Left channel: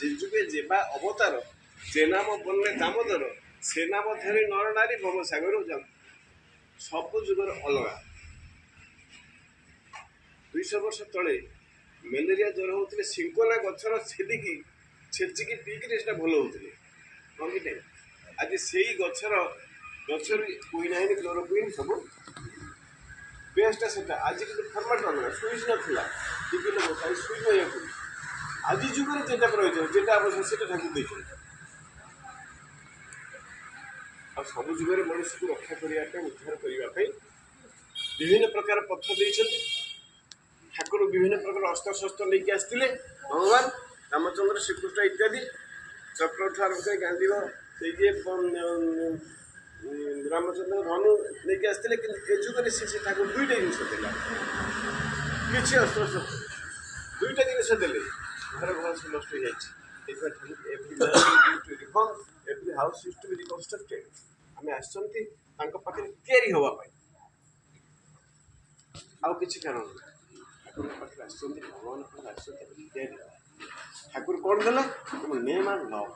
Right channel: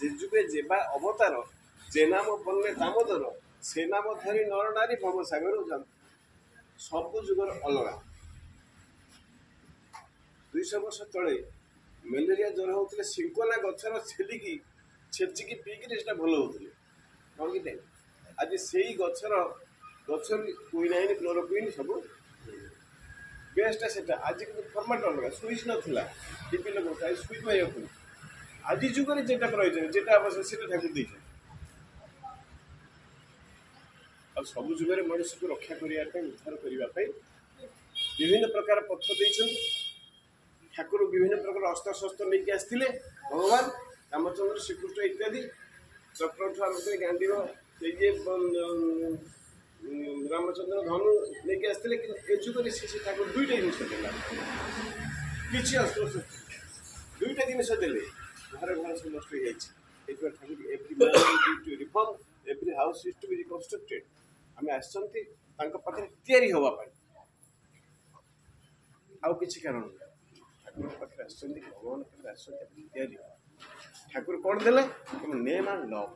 যে যুগে যেবা অবতার যে নাম বন্যে দামোদর সে নাম ধারি নর নারী ভবসাগর যান ସବୁ ଯୁଗର ଅଲଗା। 200 ବର୍ଷ ତଳେ ମ୍ୟାଲେରିଆ ଜ୍ୱର ହେଉଥିଲେ ସିଙ୍କୋନା ଗଛର ଛେଲିକି ଛେଚିକି ପିଇକିରି ସେଟା ଭଲ ହେଉଥିଲେ ହଁ କି ନାହିଁ। ଆଜି ସେଇ ଗଛରୁ କୁଇନାଇନ୍ କ୍ଲୋରୋକୁଇନ୍ ସବୁ ବେଷ୍ଟଟା ସେଟା ଆଜି କିନ୍ତୁ ଫର୍ମାଟ୍ ଅଲଗା ସୁଇଚ୍ ନଥିଲା ଟିପି ଲଗାଇ ସୁଇଚ୍ ମାରିବାକୁ ଆଜି ଯୁଗରେ ଯେଟା ପ୍ରয়োଜନ ଯେଟା ଆବଶ୍ୟକ ସେଟା ଠାକୁର ଦେଇଛନ୍ତି। ଆଉ ସବୁ ଯୁଗରେ ମଣିଷକୁ ରକ୍ଷା କରିବା ପାଇଁ ଉଦ୍ଧାର କରିବା ପାଇଁ ବିଭିନ୍ନ ପ୍ରକାର ପଥ ଦେଇଛନ୍ତି। ଠାକୁର ବିଭିନ୍ନ ପ୍ରକାର ଅସ୍ତ୍ରଶସ୍ତ୍ର ନେଇକି ଆସିଥିଲେ ଭଗବାନ ରାମଚନ୍ଦ୍ର ଶ୍ରୀକୃଷ୍ଣ ଇତ୍ୟାଦି ଚକ୍ରଠୁ ଆରମ୍ଭ କରି ଗାନ୍ଧୀବ ସେଇ ଯେ ରାମଚନ୍ଦ୍ର ଧନୁ ନେଇକି ଆସିଥିଲେ କିନ୍ତୁ ଏ ଯୁଗରେ ସେ ଠାକୁର ଦୁଇଟା ଜିନିଷ ଦେଲା କିଛି ଅସ୍ତ୍ରଶସ୍ତ୍ର ଦୁଇଟା ଜିନିଷ ଦେଲେ ଘର ସବୁ ନଷ୍ଟ ହେଇଯାଇଛି। ଏଥିପାଇଁ ଠାକୁର ଏଭ୍ରି ହାଉସ୍ ଇଜ୍ ଟୁ ବି ରିକନଷ୍ଟ୍ରକ୍ଟେଡ୍ ଆମେ ଆସିଛନ୍ତି ତାଙ୍କ ପାଖରେ ତିଆରି ହେବା ପାଇଁ ଆଉ କିଛି କାରଣ ନାହିଁ। ଠାକୁରଙ୍କ ପାଖରେ ଆସିଛନ୍ତି ଭଗବାନ ପାଖରେ ଆସିଛନ୍ତି ତିଆରି ଠାକୁର କ'ଣ ଦେଲେ ନେମ୍ ଆଣ୍ଡ ଲଭ୍।